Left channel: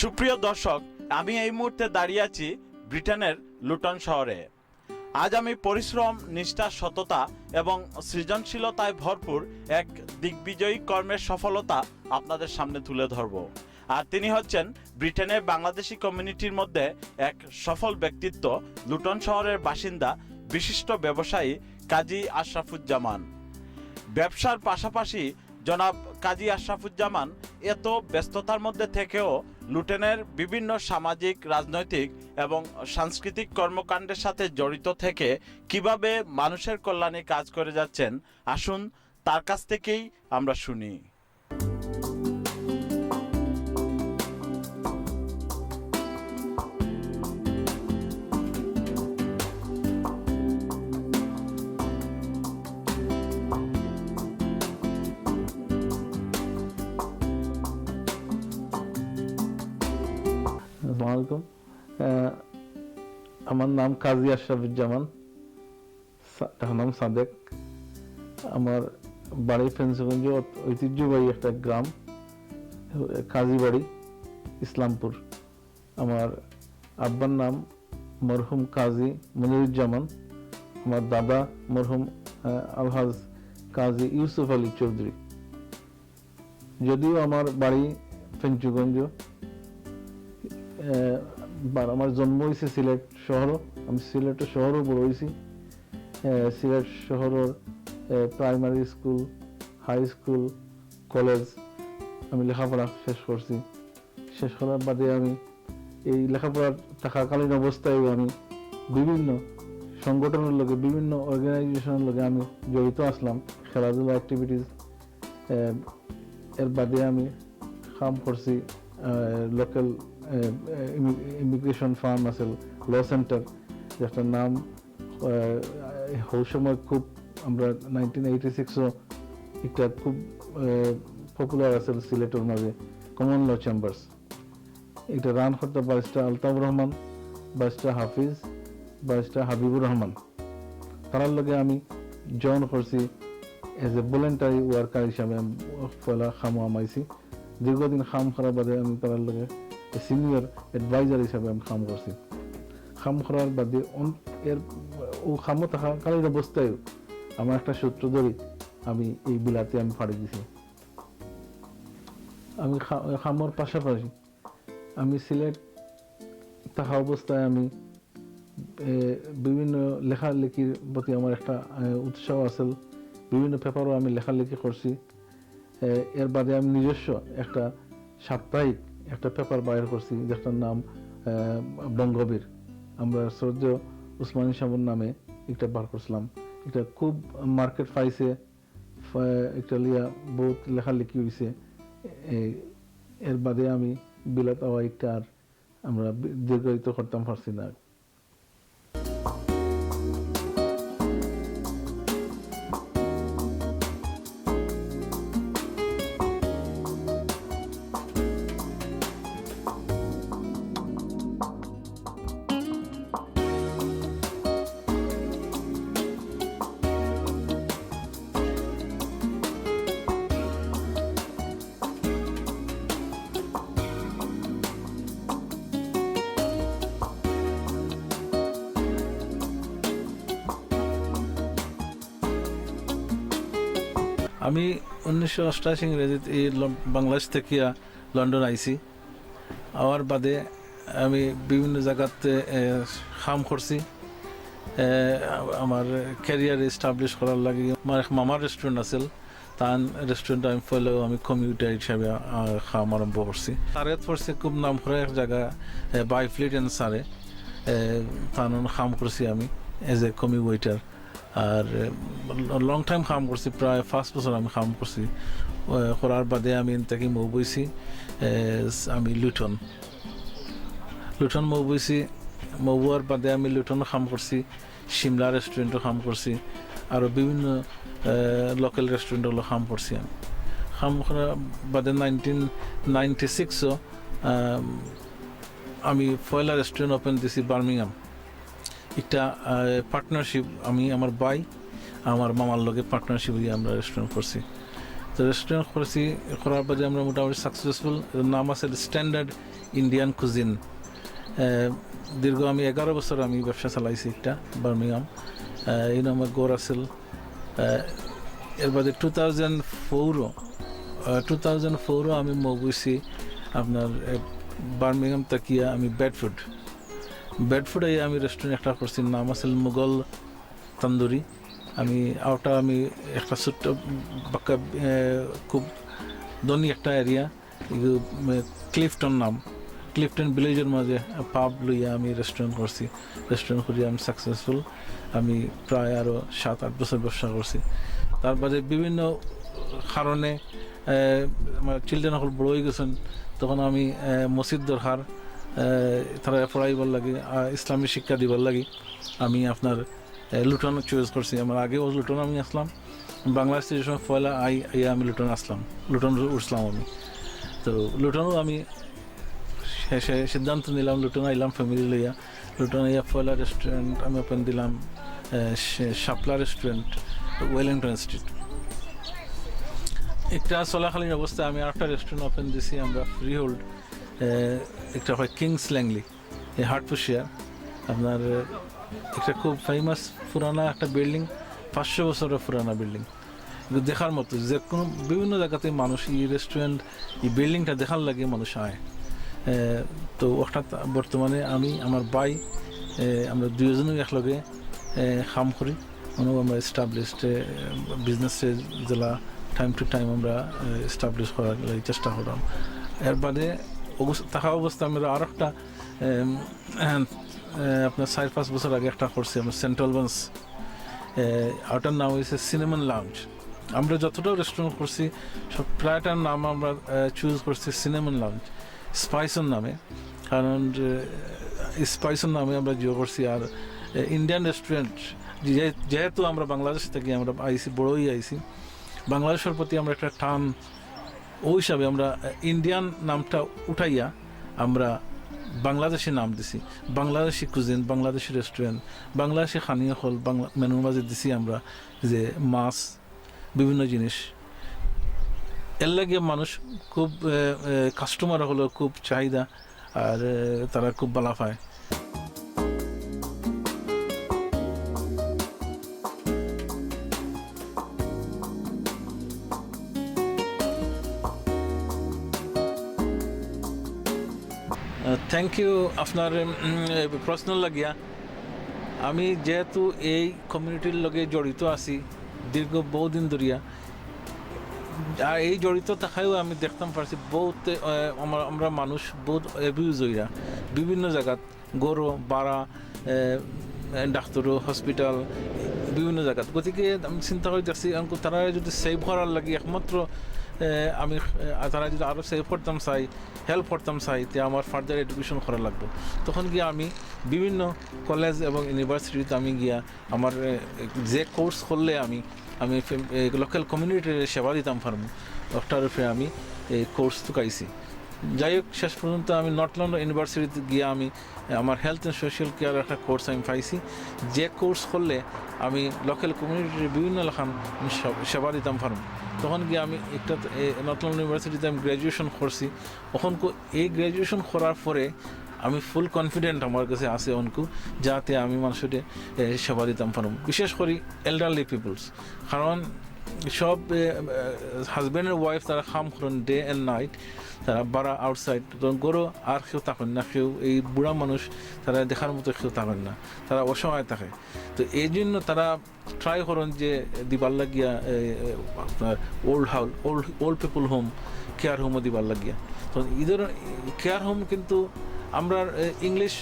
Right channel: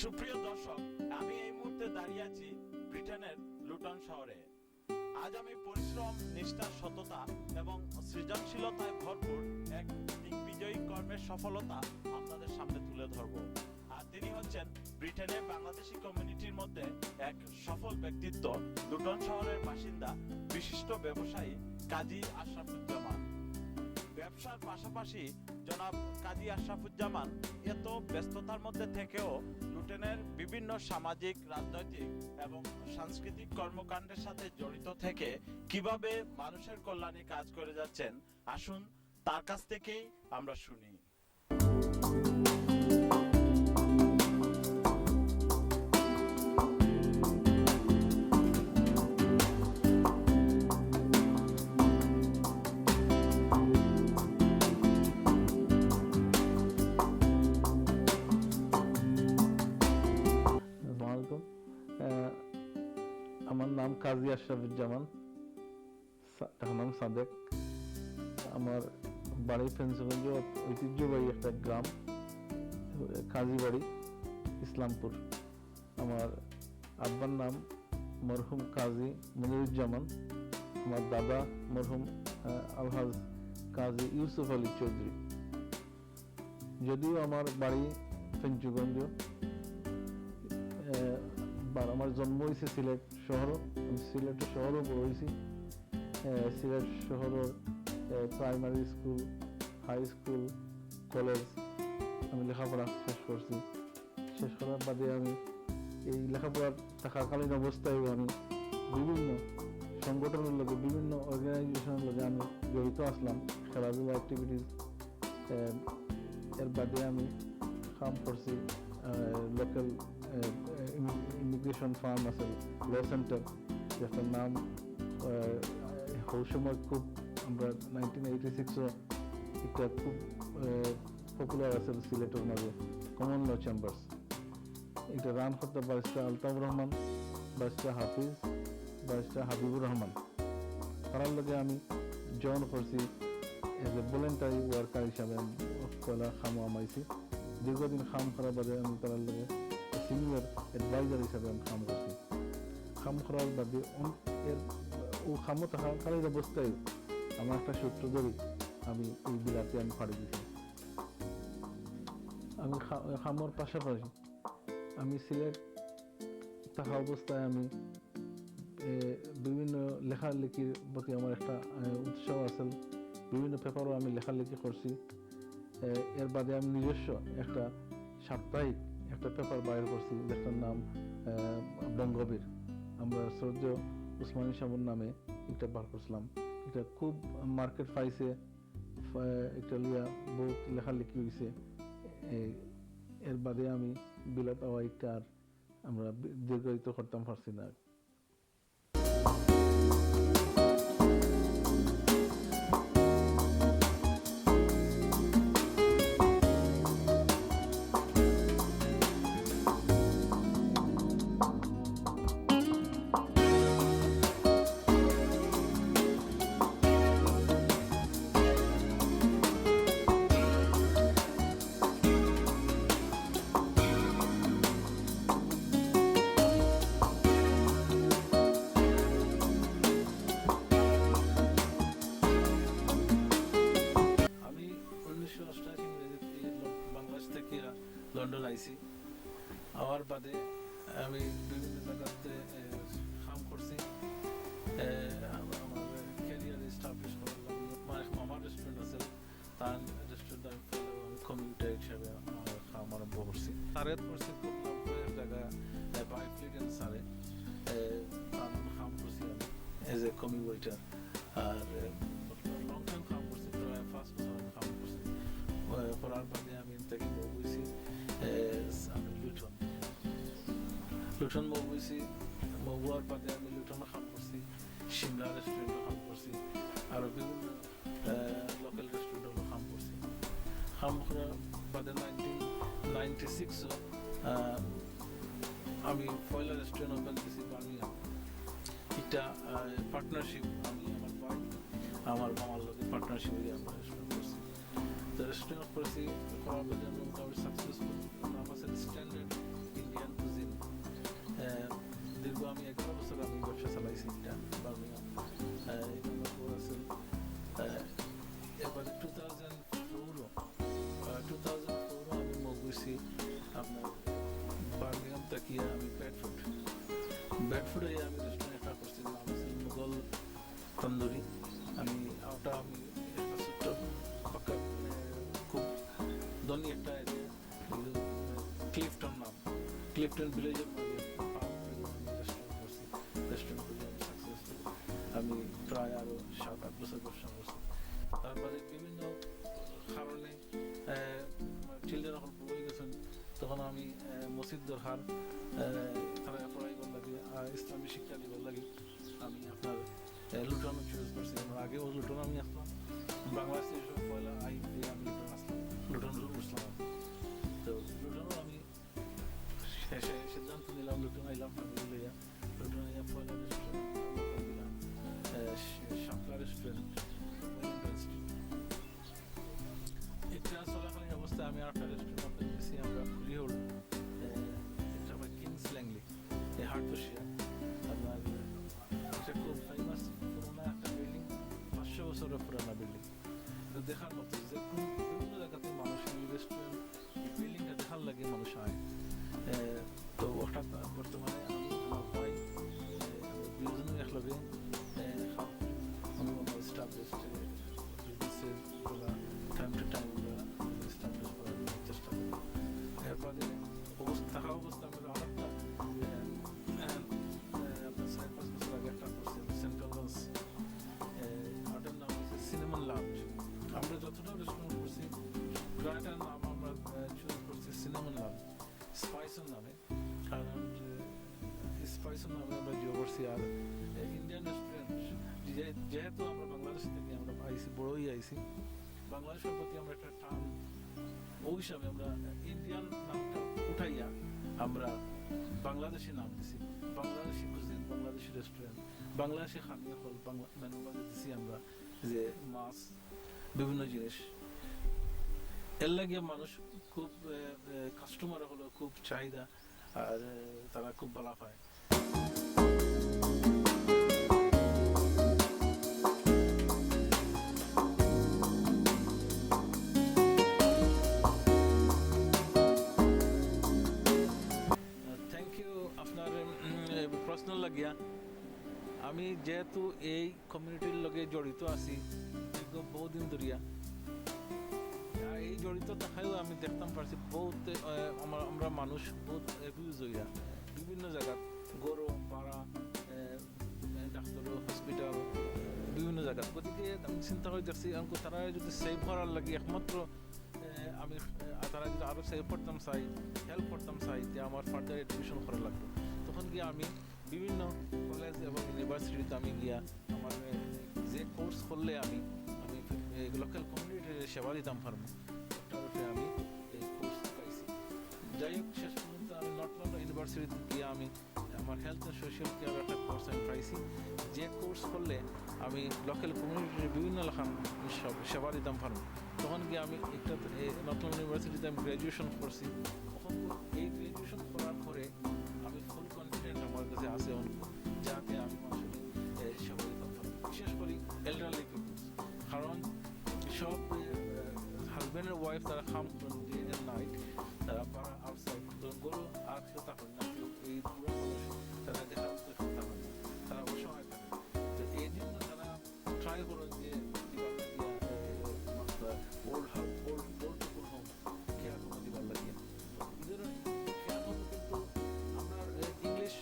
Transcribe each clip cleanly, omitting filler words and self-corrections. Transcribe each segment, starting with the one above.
সুপ্রিয় দর্শক, আমি এই মুহূর্তে দাঁড়িয়ে আছি ব্রিটেনের লুটন শহরে। আজ আমি পরিশ্রম, নিষ্ঠা, সততা এবং সৃজনশীলতায় ভরপুর এক দিগ্বিজয়ী কর্মের সফলতা আপনাদের সামনে তুলে ধরব। আর তিনি হচ্ছেন ব্রিটেনের বাংলাদেশি কমিউনিটির মধ্যে এক সফল ব্যক্তিত্ব, লুটন শহরের বাসিন্দা, বিশিষ্ট ব্যবসায়ী কাজী আশরাফুজ্জামান। ব্যবসার পাশাপাশি জনাব কাজী আশরাফুজ্জামান এত ব্যস্ততার মধ্যে থেকেও লুটনের বিভিন্ন সামাজিক, রাজনৈতিক এবং সাংস্কৃতিক কর্মকাণ্ডের সাথে জড়িত থেকে কিভাবে মানুষের কল্যাণে কাজ করে যাচ্ছেন, আসুন তার কাছ থেকেই আমরা শুনি। আমার নাম কাজী আশরাফুজ্জামান, নাম সাদেক। আমার বাড়ি ফেন্সগঞ্জ, ঐতিহ্যবাহী একটা গ্রাম, কাজী বাড়ি, ইসলামপুর। আমার আব্বার নাম মরহুম কাজী মনিরুজ্জামান, আমার দাদা মরহুম আলহাজ কাজী ইউসুফ আলী চৌধুরী। যদিও আমার বাড়ি ফেঞ্চুগঞ্জ, আমার জন্ম হয়েছে সিলেট শহর। আমি সিলেটের শহরও বড় হয়েছি। সিলেট শহরের primary school, high school, college আমি লেখাপড়া শেষ করছি। শেষ করার বাদে আমি এই লেখাপড়া থাকাকালীন অবস্থায় আমি বিভিন্ন সংগঠনের লোকে, বিভিন্ন অর্গানাইজেশনের লোকে আমি জড়িত আসলাম, খেলাধুলা অ্যাক্টিভিটিস। এর বাদে আমি কাম করছি লোকাল ইমিগ্রেশন ফার্ম আছে, ল সেন্টার, যেটার নাম ওই সময় খুব, আমরা 1986 এটা খুব পপুলার আছে সিলেটের মাঝে, কমন ল চেম্বার্স। এটা রান করতে ব্যারিস্টার আলতাফুর রহমান, ব্যারিস্টার হাফিজ, ব্যারিস্টার হাবিবুর রহমান। তার লগে আমি জয়েন করছি এজ এ ভলেন্টারি ওয়ার্কার হিসাবে। আমি পয়লা খামো আমাইছি, দীর্ঘদিন খাম করার বাদে আমি তার লগে সিনিয়র অ্যাডভাইজার হিসাবে আমি কাম করছি। কাম করার বাদে ও খামো থাকাকালীন অবস্থায় আমার একটা সূত্র ধরে আমি এই বিলাতে আমি পাড়ি দিছি। আমি খামোর পাশাপাশি আমি সিলেট থাকা অবস্থায় আমি বিভিন্ন লেখালেখির প্রতি আমার একটা উৎসাহ আছে। বিভিন্ন পেপারও আমি লেখালেখি করছি। এর বাদে আমি নিজস্ব একটা সাপ্তাহিক একটা পেপার বাইর করছি, যেটার নাম বঙ্গবীর। আমরা শ্রদ্ধেয় উসমানী সাহেবের নামে একটা বার করছিলাম। এটা খুব মার্কেট পাইছে, একটা লিয়া বহুত লেখালেখি হয়েছে। এর বাদে আমি বিলাত একটা আর আমরা দীর্ঘায়িত করতাম পারছি না। আমি 1988 ইংরেজিতে বাংলাদেশ থেকে লন্ডন আইছি। আওয়ার বাদে আমি বিভিন্ন জায়গাতে কাম করছি। আমার ক্যারিয়ার এস্টাবলিশ করার লাগে আমার মামার রেস্টুরেন্ট আছিল, তার রেস্টুরেন্ট আমি ফলেও আমি কমিউটার হিসাবে কাম আরম্ভ করছি। তারে পড়ছে খুব নাম করে এক জায়গা বাইফ্লিট এন্ড সারে, তার কাম করছি আমি এজ এ কমি ওয়েটার। আর লং টাইম কাম করছি, প্রায় 5 বছর আমি কাম করছি। করার বাদে আমি তাকে মুভ হয়েছি, আমি লুটন মুভ হয়েছি। মুভ হওয়ার বাদে আমি লুটনও কাম করছি, সিমলা রেস্টুরেন্টও কাম করছি, আরও বিভিন্ন লোকাল রেস্টুরেন্টগুলো কাম করছি। আমি কাম করার বাদে 1996 আমি পয়লা রেস্টুরেন্ট ওপেন দিছি বার্মিংহাম। একটা পার্টনারশিপ, আমি আমার ভাই আমার মামার লগে পার্টনারশিপ আমরা রেস্টুরেন্ট করছি। তো রেস্টুরেন্ট করার পরে আমরা মোটামুটি সাকসেসফুল। নাম আছে স্ট্যান্ডার্ড ইন্ডিয়ান কুজিন। দীর্ঘ আমি 11 বছর আমি ব্যবসা চালাইছি একটা বার্মিংহাম। এই আমার গড় আছিল। এর বাদে 2004 আমি মগুইছি আপনার বার্মিংহাম তাকিয়া আমি বেডফুডে আমি রেস্টুরেন্ট একটা করছি, নাম আছিল মুঘল তন্দুরি। আমি একটা ছোট্ট বাক্কা খুব ধনী একটা এরিয়া, ক্লিফটন নাম, ক্লিফটন ভিলেজের মাঝে পাব লইয়া আমি রেস্টুরেন্ট করছি। রেস্টুরেন্ট করিয়া আমি সাকসেসফুল। আমি প্রায় আরও 7-8 বছর ব্যবসা করছি। তারপরে বিভিন্ন কারণে আমার চিলড্রেন সকল বড় হয়ে গেছেন, তখন আমি মসজিদ দরকার তারা পড়াইবার লাগে, ইসলামী শিক্ষা দিবার লাগে আমি আপনার লুটন চয়েস করছি। আমার আগেও লুটন আমি আসলাম, বাংলাদেশে যে সময় পয়লা আমি লুটন আসলাম, লুটন উঠলাম আমি। তো লুটনও আমি শেষে সিদ্ধান্ত নিলাম, লুটন আইলাম ফ্যামিলি লইয়া। লুটন আইয়া পয়লা রেস্টুরেন্ট আমি ওপেন দিলাম, শাপলা রেস্টুরেন্ট, ওয়েলিংটন স্ট্রিট। একটা চলাকালীন অবস্থায় আমি আরেকটা রেস্টুরেন্ট ওপেন দিছি আমরা ফ্রি হোল্ড, একটা হয় কিংস ল্যাংলি, হার্টফুশিয়ার। আপনার একটা খুব ফেমাস পুরানা একটা বিল্ডিং, 500 বছরের পুরানা বিল্ডিং, দেখার মতো। যে কোনো বিভিন্ন জায়গাতে মানুষ এই রেস্টুরেন্ট, এই বিল্ডিংটা দেখার লাগে মানুষ আয়। তো ওটা বর্তমানে আমি আমার ভাই আমরা দুজনেই একলগে কাম করি। আমরা এস্টাবলিশড বিজনেসে জেলা টাইম টু টাইম আমরা এস্টাবলিশ করার চেষ্টা করলাম। এর বাদে থাকা অবস্থা আমরা আর একটা আপনার 4-5 বছর আগে একটা করছি আমরা সেন্ট্রাল বান্স, ওটার নাম হয়েছে সিনেমান লাউঞ্জ। আমরা যতটাও রেস্টুরেন্ট করছি সব প্রায়টার নাম আমরা চুজ করছি সিনেমান লাউঞ্জ, স্পাইসন নামে। কারণ স্পাইসন নামে আমরা জিও করছি। আর ইন্ডিয়ান রেস্টুরেন্ট যেহেতু আমরা বাংলাদেশ থেকে আমরা আইসি, বড়ই আইসি, বাংলাদেশের প্রতি আমরা একটা টান, ওই হিসাবে আমরা ইন্ডিয়ান নামটা উঠাইয়া আমরা বাংলাদেশি নাম দিছি। বাংলাদেশি কুজিন, বাংলাদেশি রেস্টুরেন্ট, বাংলাদেশি খানীয় হল মেনুর মাঝে দিছি আমরা, যে মাছ, বিভিন্ন জিনিস। এর লাগে মানুষ খুব কাস্টমার হলো খুব চাহিদা, আর তারা খুব ভালো পায়। থ্যাংক ইউ আপনার প্রশ্ন লাগিয়া। আমি যেহেতু এই কমিউনিটির লগে জড়িত আছি দীর্ঘ বহুদিন ধরিয়া, আর এই জড়িত থাকায়ও আমি দেখতাম পারছি বহুত আমরা মানুষ বহুত অ্যাবিউজ হইয়া বিভিন্ন জায়গাত, গরু বাড়া, ডাক্তারও, হসপিটাল, বিভিন্ন জায়গাত। গতিকে আমি চিন্তা করে দেখছি তারা যদি সেভ করার লাগে একমাত্র আমি তারা যদি আরও সেভ করতাম চাই, হেল্প করতাম চাই, তে আমার ফার্দার এডুকেশন করা লাগবে। তখন গিয়ে আমি বিভিন্ন কলেজ এবং ইউনিভার্সিটিতে আমি গিয়া আমার যে কোর্স করলে আমি লোকাল কমিউনিটির সেবা দিতাম পারবো, ওটার উপরে আমি এই কোর্স চুকাইছি। যাই হোক, শেষ পর্যন্ত আমি নর্থ লন্ডন ইউনিভার্সিটিতে গিয়ে আমি আমার হেলথ অ্যান্ড সোশ্যাল কেয়ার একটা কোর্স আমি পাইছি। যে কোর্স করলে আমি লোকাল কমিউনিটির বিভিন্ন লেখান সেবা দিতাম পারবো। তখন গিয়ে আমি একটা নর্থ লন্ডন ইউনিভার্সিটিতে আমি গ্র্যাজুয়েশন করছি। তখন এই গ্র্যাজুয়েশন করার পরে আমি ফুল কনফিডেন্ট আমার কাছে আছে অনকু, যাতে আমি মানুষের সেবা দিতাম পারব, বিশেষ করে এল্ডারলি পিপলস। কারণ সব হাজব্যান্ড ওয়াইফ তারা কাম করেন ডে অ্যান্ড নাইট, তারা বাড়া আউটসাইড, গরু আর কেউ থাকেন না, কেউ এই বুড়া মানুষ তারা দেখার মতো কেউ থাকেন না, তারা অসহায় থাকে। তো এই জন্য তারা ট্রাই করেন যে দিবার লাগিয়া আপনার ওল্ড পিপল হোম, কেয়ার হোমও দিবার লাগিয়া। তো ইদের কেয়ার হোম কিন্তু আমরা ইংলিশ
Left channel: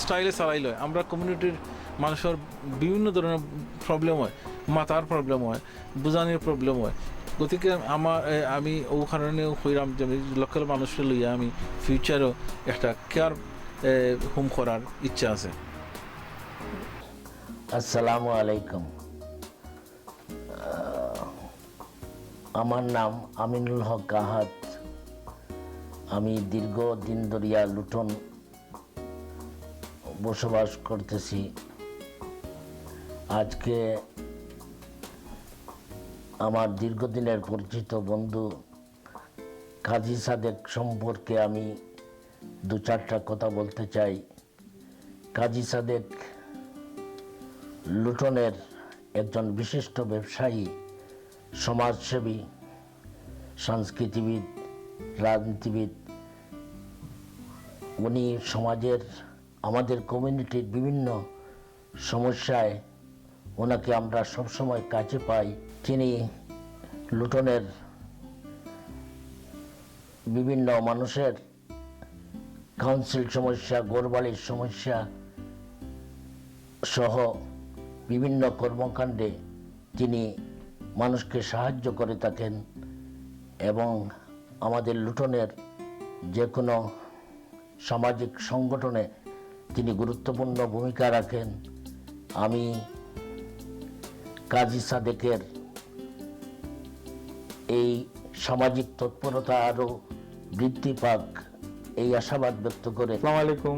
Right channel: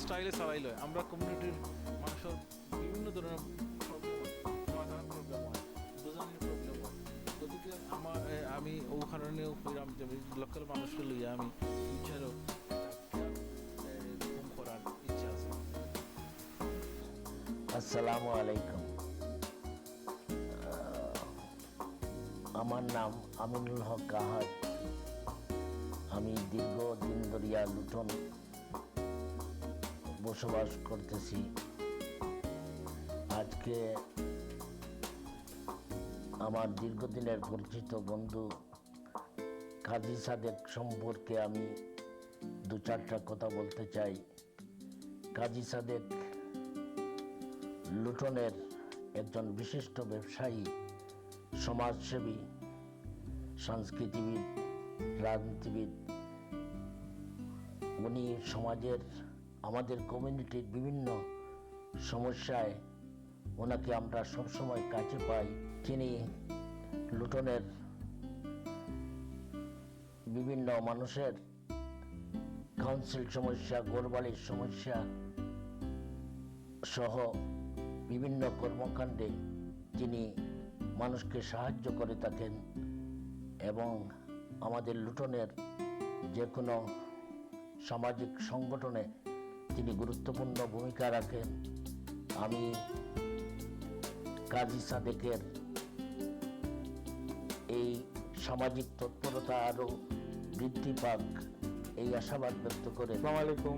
স্টাইলে চালাই লয়। আমরা কমিউনিটির মানুষের বিভিন্ন ধরনের প্রবলেম হয়, মাথার প্রবলেম হয়, বুঝানির প্রবলেম হয়। গতিকে আমি ও কারণেও হইলাম যে লোকাল মানুষকে লইয়া আমি ফিউচারও একটা কেয়ার হোম করার ইচ্ছা আছে। আসসালামু আলাইকুম। আমার নাম আমিনুল হক আহাদ। আমি দীর্ঘদিন ধরিয়া লুটন বসবাস করতেছি। আজকে আমার দীর্ঘদিনের পরিচিত বন্ধু কাজী সাদেক সম্পর্কে আমি দু চারটা কথা বলতে চাই। কাজী সাদেক লুটনের একজন বিশিষ্ট ব্যবসায়ী, সমাজসেবী, সংস্কৃতিবিদ, রাজনীতিবিদ। উনি সমাজের, আমাদের কমিউনিটির বিভিন্ন সমস্যায় ওনাকে আমরা সবসময় কাছে পাই। তিনি লুটনের বিভিন্ন মানুষের কাউন্সিল সমস্যা, ঘরবাড়ির সমস্যা সহ বিভিন্ন কর্মকাণ্ডে তিনি মানুষকে সাহায্য করে থাকেন এবং আমাদের লুটনের যে কোনো সামাজিক সংগঠনে তিনি গুরুত্বপূর্ণ ভূমিকা রাখেন। আমি কাজী সাদেকের এই সামাজিক তৎপরতা আরও বৃদ্ধি পাক এই আশাবাদ ব্যক্ত করে। আসসালামু আলাইকুম,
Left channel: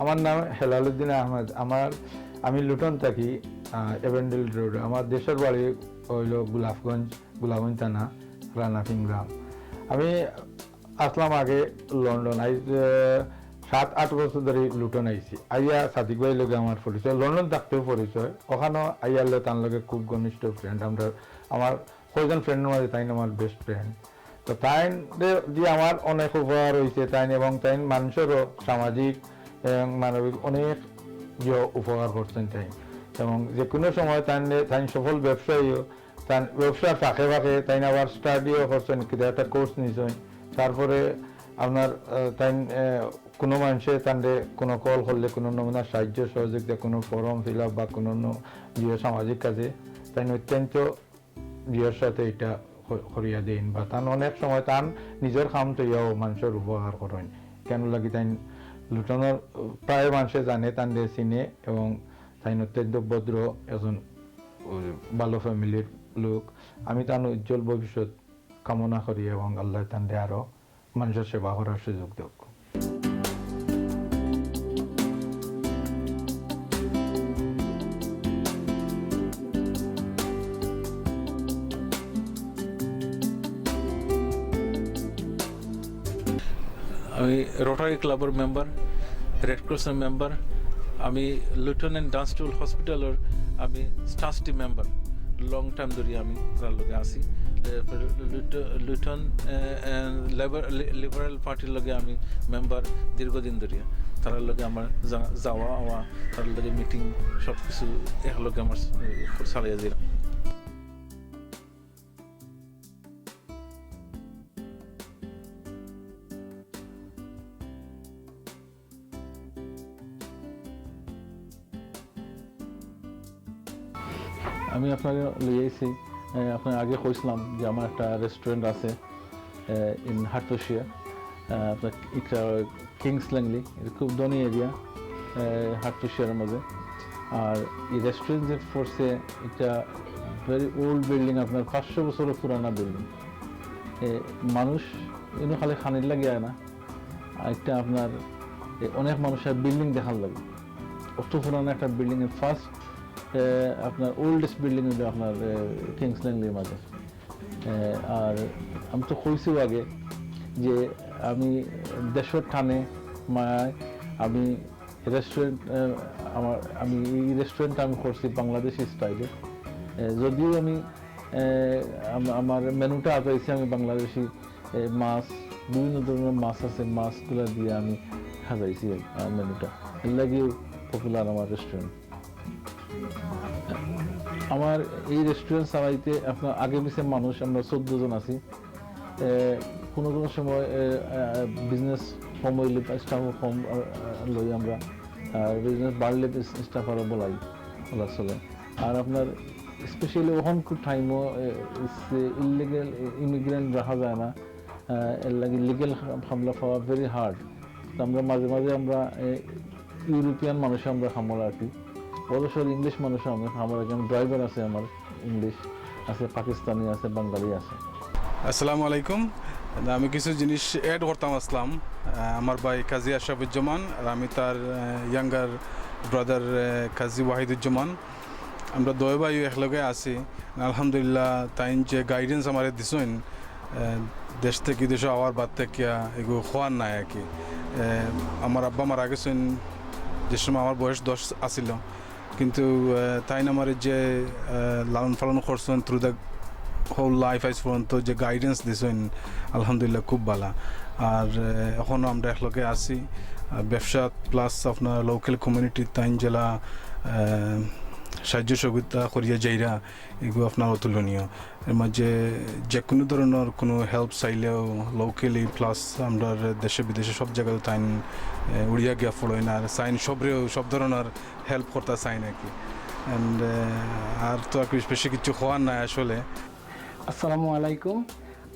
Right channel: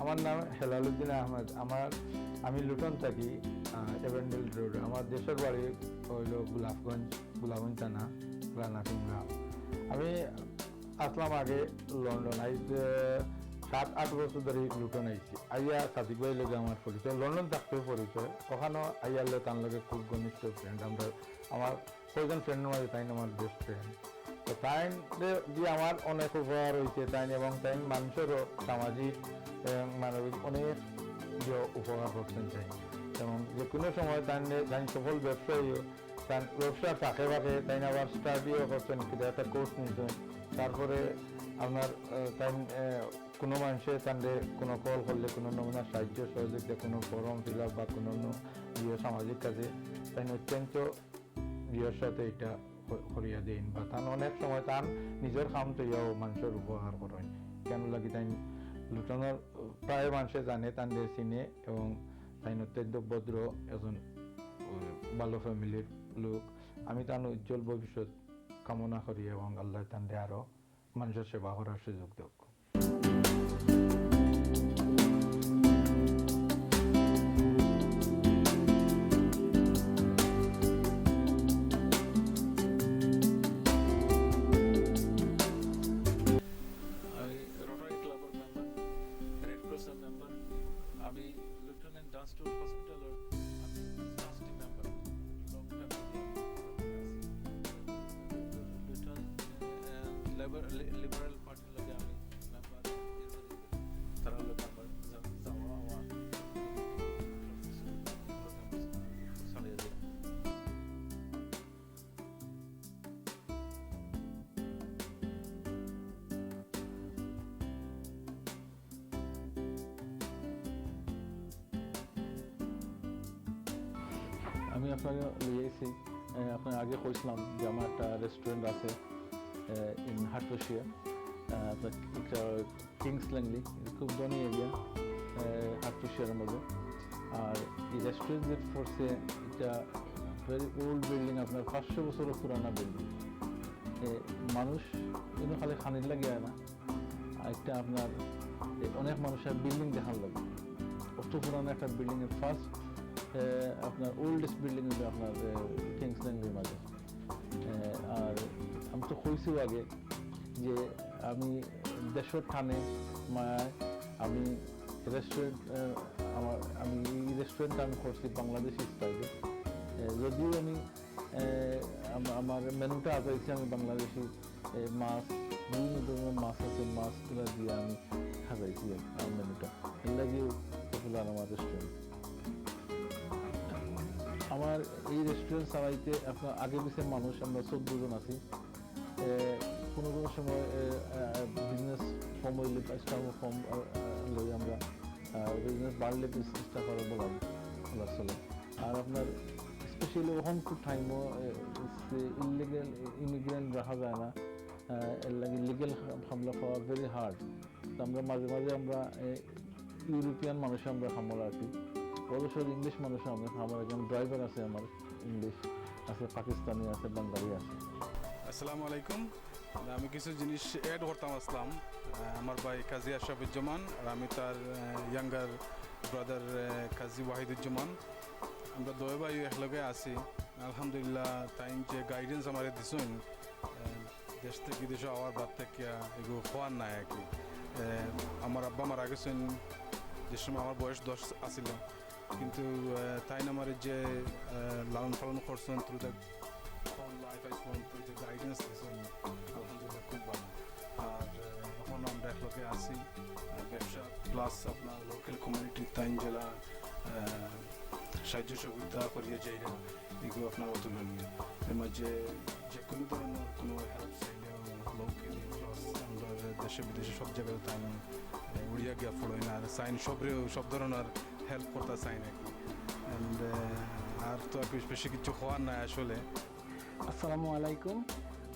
আমার নাম হেলালুদ্দিন আহমেদ। আমি লুটন থাকি, এভেন্ডিল রোড। আমার দেশের বাড়ি হইল গোলাপগঞ্জ থানা, রানাফিং গ্রাম। আমি আসলাম আগে লন্ডন, 7-8 বছর ধরে লুটন আইছি। আইয়া সাদিক ভাই লগে আমার পরিচয়, লন্ডন থাকতেও পরিচয়। ওখানেও আইয়ালে তার লগে খুব ঘনিষ্ঠ ফ্রেন্ড। আমার কয়েকজন ফ্রেন্ডের মাঝে তাই আমার বেস্ট ফ্রেন্ড। তো তাই যে আমার অনেক উপকার হয়েছে তাই, এবং তাই মানুষেরও সামাজিক এবং মানবিক অনেক উপকার করতেন চাই। এবং যে কোনো সময় তাই সফল ব্যবসায়ীও, তার ব্যবসার ফাঁকে ফাঁকে তাই আবার স্টাডিও করছেন, কিন্তু একটা কোর্স নিয়েছেন। তারপরে আপনার তাই কোনো মানুষের তাদের কোনো কল করলে কোনো নমুনা সাহায্য সহযোগিতা, কোনো ফর্ম ফিল আপ বা কোনো সামাজিক কাজে তাই অত্যন্ত বিয়ের সাথে এটা করিয়া দেন, বা তার অনেক সময় তার নিজের কাম তৈয়াও মানুষের উপকার করেন। কেন লাগি তাই লুটনের প্রায় মানুষে জানে, তাদের চিনে, এবং তাই অত্যন্ত ভদ্র একজন ভালো ফ্যামিলির লোক। আমি তার উজ্জ্বল ভবিষ্যৎ কামনা করি এবং আল্লাহ তাদের আরো মানুষের সেবা করার সুযোগ দেব। আমি রোটারি ক্লাবের মেম্বার, রেড ক্রসের মেম্বার। আমি লুটন অ্যান্ড ডান্সটুল হসপিটালের আমি ট্রাস্টি মেম্বার। লং টাইম ধরে আমি তার লগে আছি। লুটন লিবারেল পার্টির লগে আমি মেম্বার দীর্ঘদিন ধরে। তার লগে আমার যাওয়া আওয়া, তার লগে মিটিং সব কিছু একলগে আমার চালিয়ে দিলাম। আমি আপনাকে লিয়েছি, আপনার আগে কইছিলাম যে আমার একটা রেস্টুরেন্ট আছে ইন হাটফুশিয়া, আপনার কিংস ল্যাংলি, খুব ধনী এরিয়া হাটফুশিয়ার মধ্যে। আর এই রেস্টুরেন্ট যে ফোর্সে একটা ভেরি ওল্ড বিল্ডিং, আপনার 500 বছরের পুরানা বিল্ডিং। মানুষ এগুলো খালি খানির লাগে না, একটা আপনার অনেক মানুষের বিল্ডিং দেখার লাগে। অত পুরানো একটা বিল্ডিংয়ের ফার্স্ট আপনার ওল্ডেস্ট বিল্ডিং হলো আপনার কিংস ল্যাংলির মাঝে। আর আমি তো কইছিও আগে যে আমি দেশের টানে মায়ায় আমি রেস্টুরেন্ট, আমি এই রেস্টুরেন্টটা আমি করছি বাংলাদেশি স্টাইলে। যদিও আমি আমার মেনুটা পেয়েছি আমি বাংলাদেশি মাছ, বিভিন্ন ধরনের মাছ আছে, মাছগুলো দিয়ে আমি সাজাইছি মেনুটা। এর লাগেও পপুলার আমার রেস্টুরেন্ট। আমার এই রেস্টুরেন্ট চালাইতে আপনার আগে পিছিয়ে মানুষ আমরা 14 জন আছি। কোনো কোনো সময় বিজনেস কম হইলে স্টাফ কম লই আমরা, বিজনেস বাড়লে স্টাফ আরও বলা চলে। আর আপনার স্পেশালি ওখান খুব টাইমও ইলিগেল ইমিগ্রেন্ট রাখা যায় না, এর লাগে লিগেল খামলা পাওয়া ভেরি হার্ড। আমরা মাঝে মাঝে আমরা ইউরোপিয়ান মানুষে আমরা খামলা আর কি, অবশ্য ইংলিশ মানুষ আমার একজন ড্রাইভার আছে, আমার ইংলিশ আছে, পাকিস্তানি আছে, বাঙালি আছে। আসসালামু আলাইকুম। আমি কিছু জিনিস অ্যাড করতাম আসলাম। আমার ভাই কাজী আশরাফুজ্জামান আর আমি তার ইয়াঙ্গার ব্রাদার কাজী ওয়াহিদুজ্জামান। আমরা দয় ভাই একলগে আছি আলহামদুলিল্লাহ তাই যে গাইডেন্স আমার দিছেন দেশ থেকে দেশে আওয়ার বাদ থেকে এগুলো হওয়ার নাই আর কি আমার আব্বা মারা গেছেন যে সময় আমার বয়স 10 আসিল কিন্তু তাই আমার যে লালন পালন করছেন থ্রু দ্য হোল লাইফ আইস পর্যন্ত যে গাইডেন্স দিছেন আলহামদুলিল্লাহ খুব ভালো আর এখনও আমরা একলগে আছি ব্যবসা প্লাস আপনার লোকাল কমিউনিটির তাইন জেলা সাহায্য সহযোগিতা করিয়া যাইরা এগুলো আপনার অতুলনীয় এর মাঝে যে কোনো ধরনের কোনো হেল্প চাইলেও লোকালি প্লাস আমরা দেশে বিদেশে সব জায়গায় তাইন উড়িয়া গিয়া ফলোয় না আর সাইন সব ধরনের হেল্প করতে চাই নাকি অ্যান্ড আর তো আর বেশি কিছু হওয়ার নাই আসলে। আসসালামু আলাইকুম,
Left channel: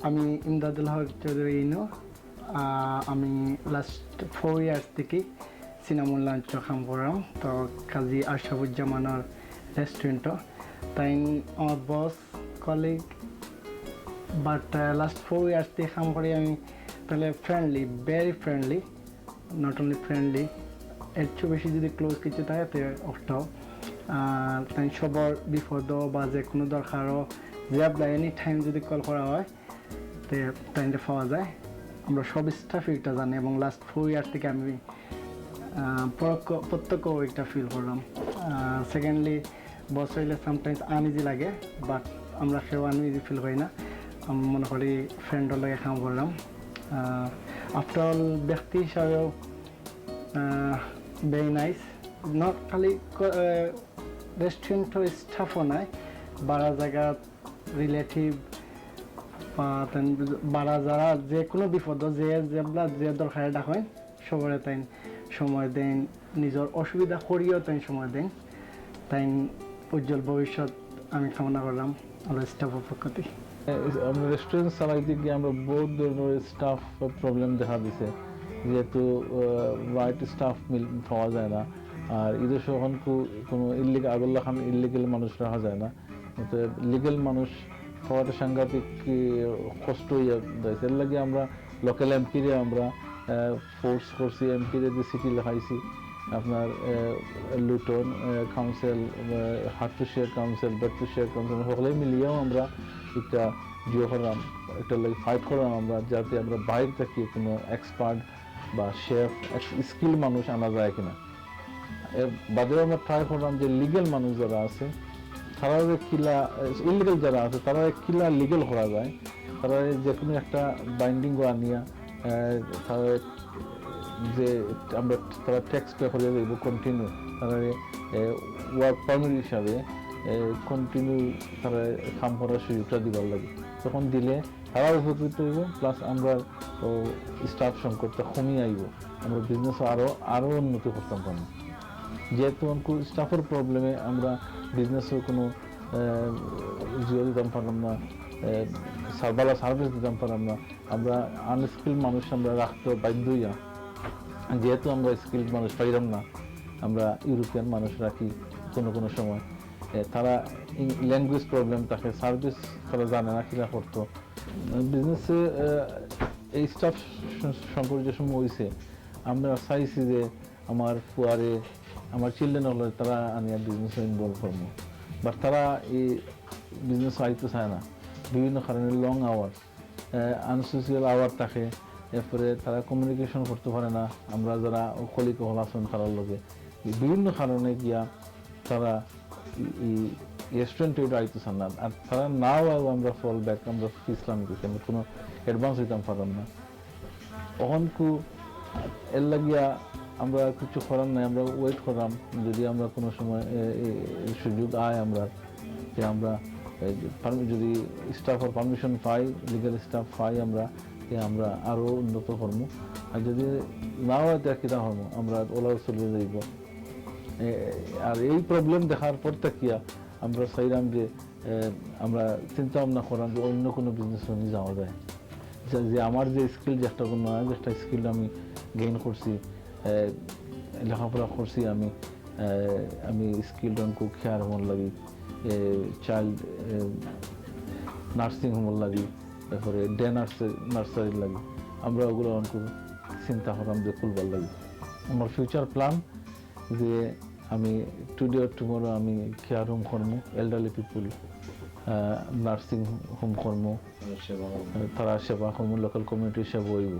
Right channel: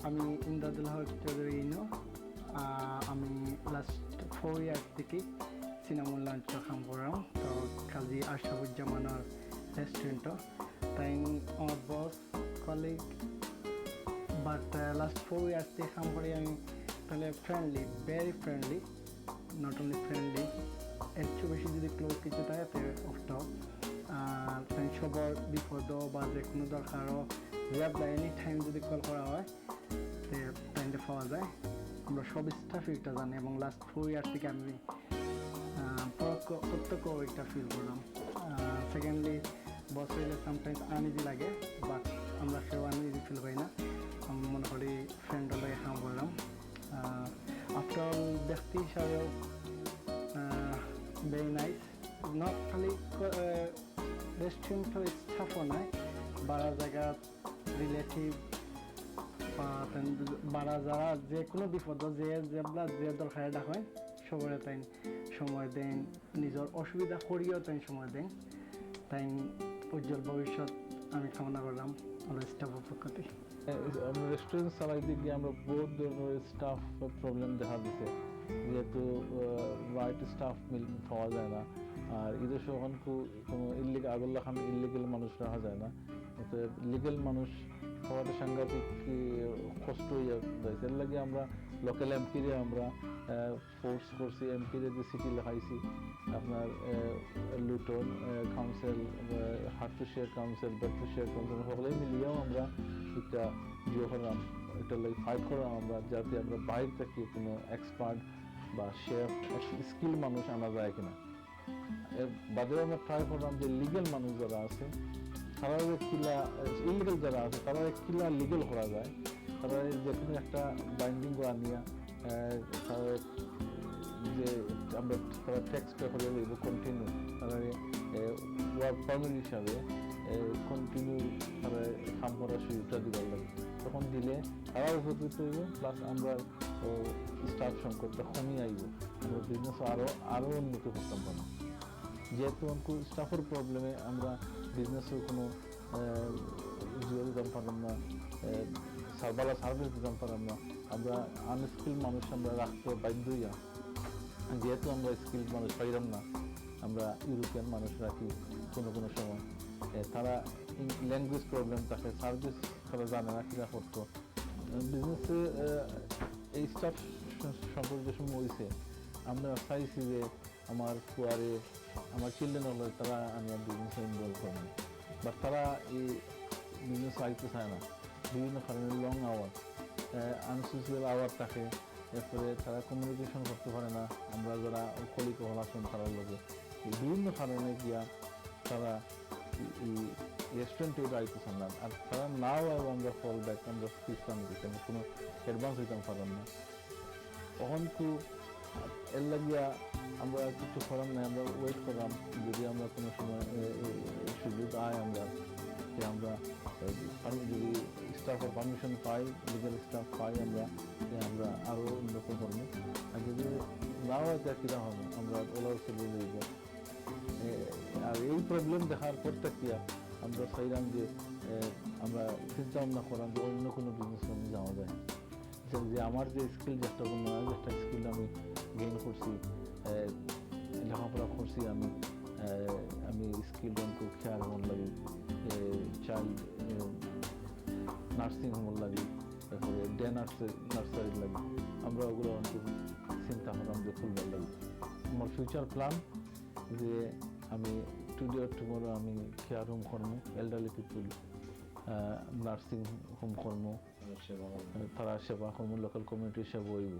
আমি ইমদাদুল হক চৌধুরী ইনু। আমি লাস্ট 4 ইয়ার্স থেকে সিনামুল লাঞ্চ কাম করাম তো কাজী আশরাফুজ্জামানের রেস্টুরেন্টও তাই আমার বস কলিগ বাট লাস্ট 4 ইয়ার্স থেকে কাম করি আমি তাহলে friendly, very friendly, not only friendly, এর চেয়ে বেশি যদি ক্লোজ কিছু থাকে তো ওটাও তাই সবার বিপদ বা যে কোনো দরকারও যে আপনার এনি টাইম যদি কল করা হয় তো টাইমটা পাওয়া যায়। আমরা সব স্টাফ এটা জানি এবং লাস্ট 4 ইয়ার থেকে আমি প্রত্যক্ষ এটা ফিল করলাম। সেকেন্ডলি বস হইলে সামটাইমস আনইজি লাগে বাট আমরা সেও আনইজি ফিল করি না, আমি মনে করি ফ্রেন্ডের লগে কাম করলাম। আফটার অল ব্যক্তি হিসাবেও ভেরি নাইস, নট খালি রেস্টুরেন্টের স্টাফও নাই, বাড়া জায়গা রিলেটিভ বা বাড়া যারা যে কোনো বিপদ যে দরকারে ডাকেন সবরে তাই সময় দেন, নিজের অসুবিধা করিও তাই সময় দেন। তাই উজ্জ্বল ভবিষ্যৎ আমি কামনা করলাম আমার স্টাফের পক্ষ থেকে। আমরা রেস্টুরেন্ট চালাইতে গিয়ে আমরা বহুত ধরনের স্টাফ প্রবলেম দেখা দিছে, যেহেতু রাইট স্টাফ পাওয়া যায় না আর ঈদের যখন কোনো ইলিগাল আগল্লা খান ইলিগাল মানুষ রাখা যায় না, লিগেল মানুষ হওয়াটা সাংঘাতিক কষ্ট হয়ে যাচ্ছে। এর লাগে আমরা লোকাল এমপিরে আমরা ফোর্স করছি, এমপিরে যে সিটি লেখাইছি আপনার লুটন কাউন্সিল, হাটুশিয়ার কাউন্সিল, বেতুশিয়ার কাউন্সিল সকলে মিলিয়েও আমরা একটা করলাম, একটা লাগে ফাইট করলাম আমরা যাতে আমরা বাইরে থেকে কোনো এক্সপার্ট বা শেফ স্কিল মানুষ আনা যায় কিনা। এর বাদেও আমরা ট্রাই করলাম যে লিগেল মানুষ যারা আছে তারা কিলা ইলিগাল যারা আছে তারা কিলা লিগেল করা যায়, তারা যে কোনো একটা বাইন্ডিং করা নিয়ে তারা যে আমরা তারা ট্যাক্স পে করে দেবো কন্টিনিউ, তারা ওয়ার্ক পারমিট হিসাবে কন্টিনিউ তারা কাম করার সুযোগটা দিবার লাগে, তখন দিলে তারা উপকৃত হইব প্লাস আমরা স্টাফ সংকটটা কমিয়ে আইব, আমরা বিজনেস আরও উন্নতি করতে পারবো। যেহেতু স্টাফের প্রবলেমে আমরা বিজনেসেও কোনো জিও দিতাম পারলাম না, ভালো সার্ভিস দিতাম পারলাম না, আমরা আনস্কিল মানুষ আমরা রাখতে বাধ্য হইয়া, যেহেতু আমরা স্কিল মানুষ পাইলাম না আমরা ইউরোপিয়ান মানুষ রাখি কোনো সময়, তারা ল্যাঙ্গুয়েজ প্রবলেম থাকে, সার্ভিস তারা জানে না কিনা করতো। বিজনেসে এই স্টাফ সম্পর্কে যে সময় হয়েছে আমরা চাইছি যে আমার ফুয়ারে আমার চিলড্রেন হলো তারা আনিয়া বিজনেসে ইনভলভ করবো, বাট তারা এই বিজনেস আইতে চায় না, বিভিন্ন কারণে লং আওয়ার, আনসোশিয়াল আওয়ার থাকে, এরপরে তারা কমিউনিকেশন করতে পারে না, আমরা যারা কলিগ হল আছেন তারার লগে বিভিন্ন কারণে গিয়া তারা এই রেস্টুরেন্টে আইতে চান না, আর তারা নাও আমরা ফল ব্যাক আমরা ইসলাম দিতে কোনো অ্যাডভান্স দিতাম পারলাম না। তখন এর লাগিয়া আমরা কিছু করার নাই, আমরা ওয়েট করলাম যদি আমরা কোনো সময় সুযোগ আয় আমরা যে আমরা যদি স্টাফের পারমিশন পাই, লিগাল স্টাফ পাই আমরা আরও উন্নত করবো, আর যদি নাও কিনা হবো আমরা ওলাও চলে যাইব। আর এই প্রবলেম দেখার পর থাকিয়া আমরা চাইলাম যে আমরা চিন্তা ভাবনা করলাম যে অন্য কোনো বিজনেস নিয়ে যাওয়া যায়, যে আমার যে স্কিল যে একটা স্কিল আমি গেইন করছি, লেখাপড়া করছি আমি স্কিল কুক কেয়ার হোম লাগি, চাইল্ড নার্সিং হোম লাগি, তারপরে ডে নার্সারি লাগি, আমরা ওগুলো চিন্তা করলাম যে খুলবার লাগি। আমার ফিউচার প্ল্যান যে আমি টুডে অর টুমরো আমি কেয়ার হোম করবো এল্ডারলি পিপুল নার্সিং হোম করবো তারা সেবা করবো লোকাল কমিউনিটি সেবা হইব